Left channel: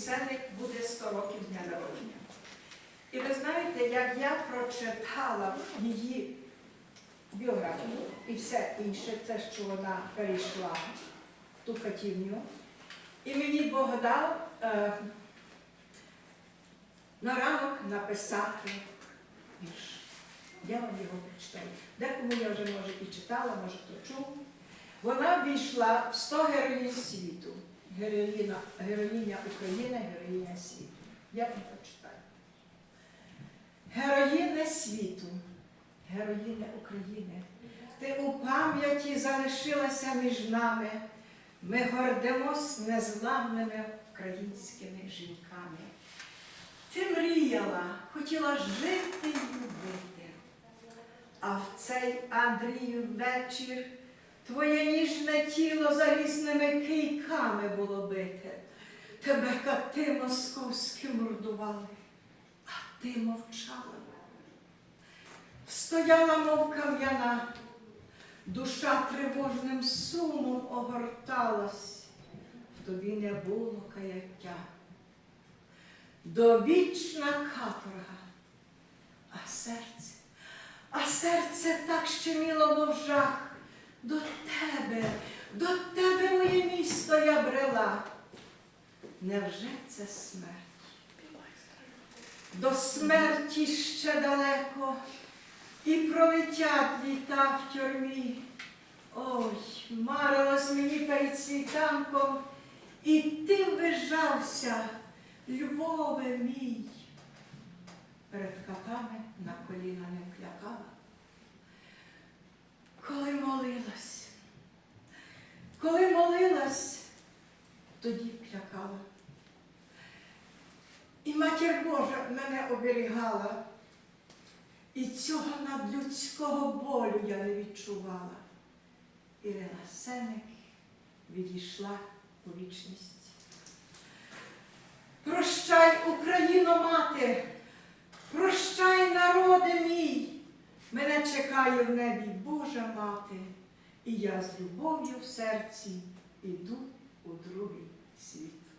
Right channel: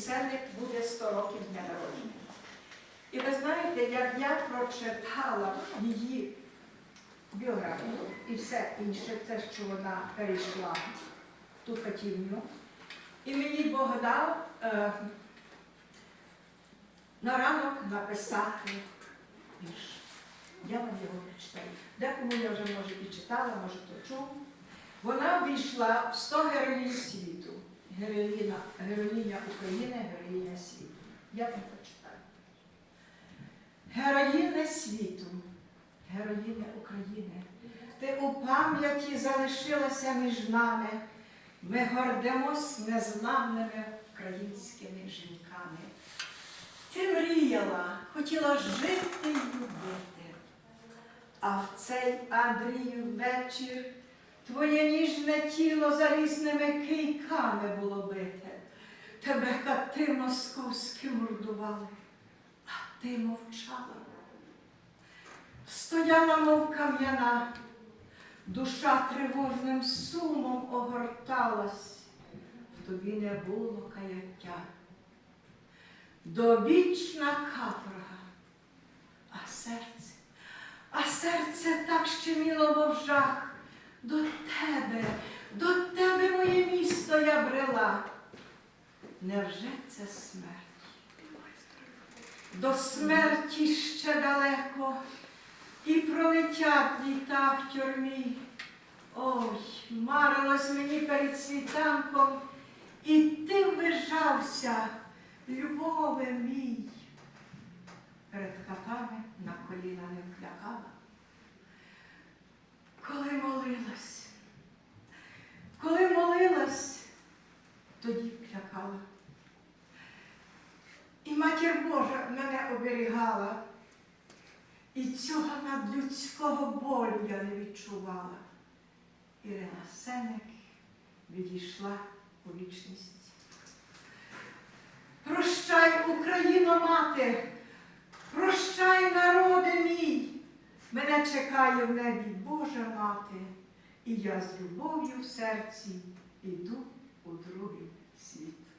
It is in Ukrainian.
пісенник буде 100 років дня народження. І ви знаєте, як я прочитала її біографію і все інше, те, що вона перейшла в ту катівню, і мені Бог дав е, на ранок написати вірш. Я вам його прочитаю. Декому я вже може і читала, може хто чув. Вона війшла в 100 героїнь світу. Героїна, героїня України, героїня світу. Я вам прочитаю. Героїни світу, героїни України, ти у пам'яті залишилася між нами. Ми гордимось незламними українськими жінками. Ти мріяла, хотіла жити й любити. А в цей Андрію вечір твоє ніжне тіло за різними кийками було бите. Тебе кати московські мордували, а ти мовчала. Стояла, мов кам'яна, душа тривожним сумом огорталась, в тобі не було каяття. Довічна каторга, а серце, а серце так щеміло, мов жах. До тебе, до тебе, моє місто, я брела. Невже це смерть? До смерті ще далеко, і пролетять літа в тюрмі. Ой, марилось мені перед світанком, і ти вижався, Львове мій. Перед катами на коліна не вклякала. Молилась, коли молилась, тоді вклякала. І матір Божа мене оберігала, і цього надлюдського болю я не відчувала. Ірина Сеник відійшла у вічність. Прощай, Україно, мати, прощай, народи мій. Мене чекає в небі Божа мати, і я з любов'ю в серці іду у другий світ.